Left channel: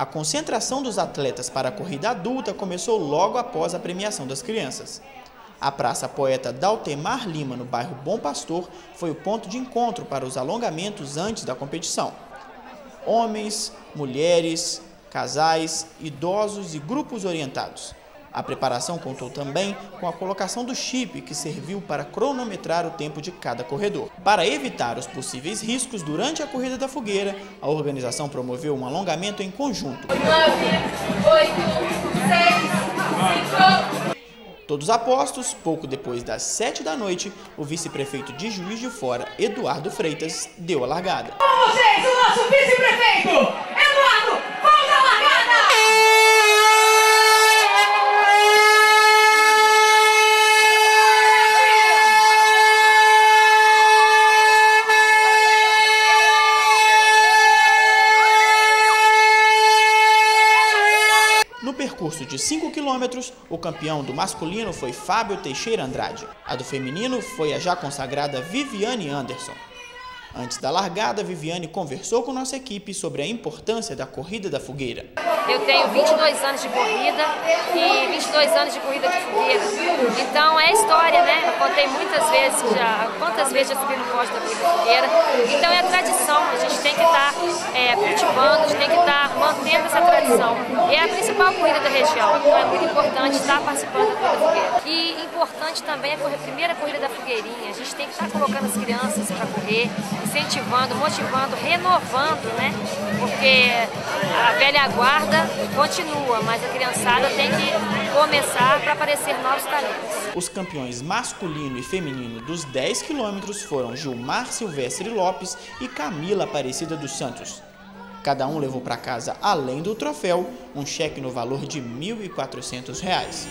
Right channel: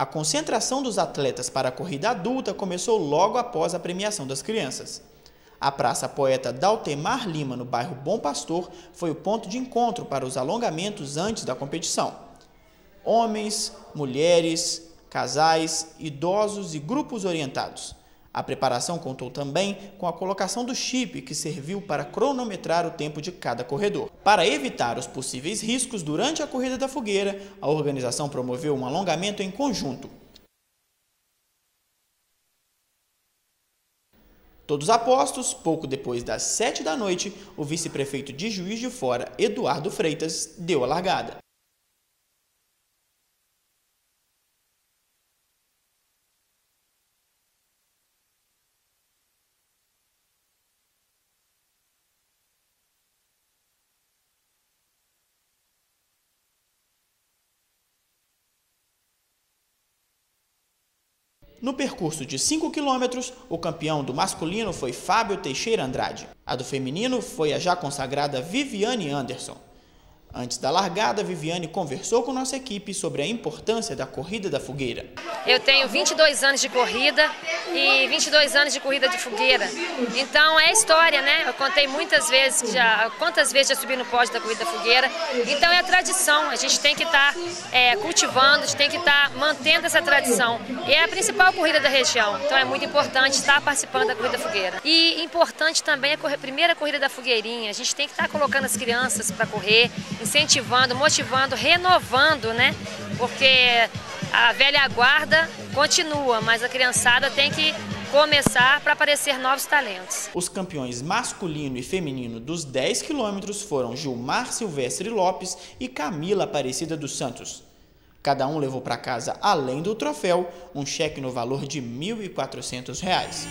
A concentração dos atletas para a corrida adulta começou logo após a premiação das crianças. A Praça Poeta Daltemar Lima, no bairro Bom Pastor, foi o ponto de encontro para os alongamentos antes da competição. Homens, mulheres, casais, idosos e grupos orientados. A preparação contou também com a colocação do chip, que serviu para cronometrar o tempo de cada corredor. Para evitar os possíveis riscos durante a corrida da fogueira, a organização promoveu um alongamento em conjunto. 9, 8, 6, 5... Todos apostos, pouco depois das 7 da noite, o vice-prefeito de Juiz de Fora, Eduardo Freitas, deu a largada. Com vocês, o nosso vice-prefeito, Eduardo, vamos à largada! No percurso de 5 quilômetros, o campeão do masculino foi Fábio Teixeira Andrade. A do feminino foi a já consagrada Viviane Anderson. Antes da largada, Viviane conversou com nossa equipe sobre a importância da corrida da fogueira. Eu tenho 22 anos de corrida e 22 anos de corrida de fogueira. Então é história, né? Eu contei muitas vezes quantas vezes já subi no pódio da corrida fogueira. Então é tradição, a gente tem que estar cultivando, a gente tem que estar mantendo essa tradição. É a principal corrida da região, então é muito importante estar participando da corrida fogueira. E importante também a primeira corrida da fogueirinha. A gente tem que estar colocando as crianças para correr, incentivando, motivando, renovando, né? Porque a velha guarda continua, mas a criançada tem que começar para aparecer novos talentos. Os campeões masculino e feminino dos 10 quilômetros foram Gilmar Silvestre Lopes e Camila Aparecida dos Santos. Cada um levou para casa, além do troféu, um cheque no valor de R$ 1.400.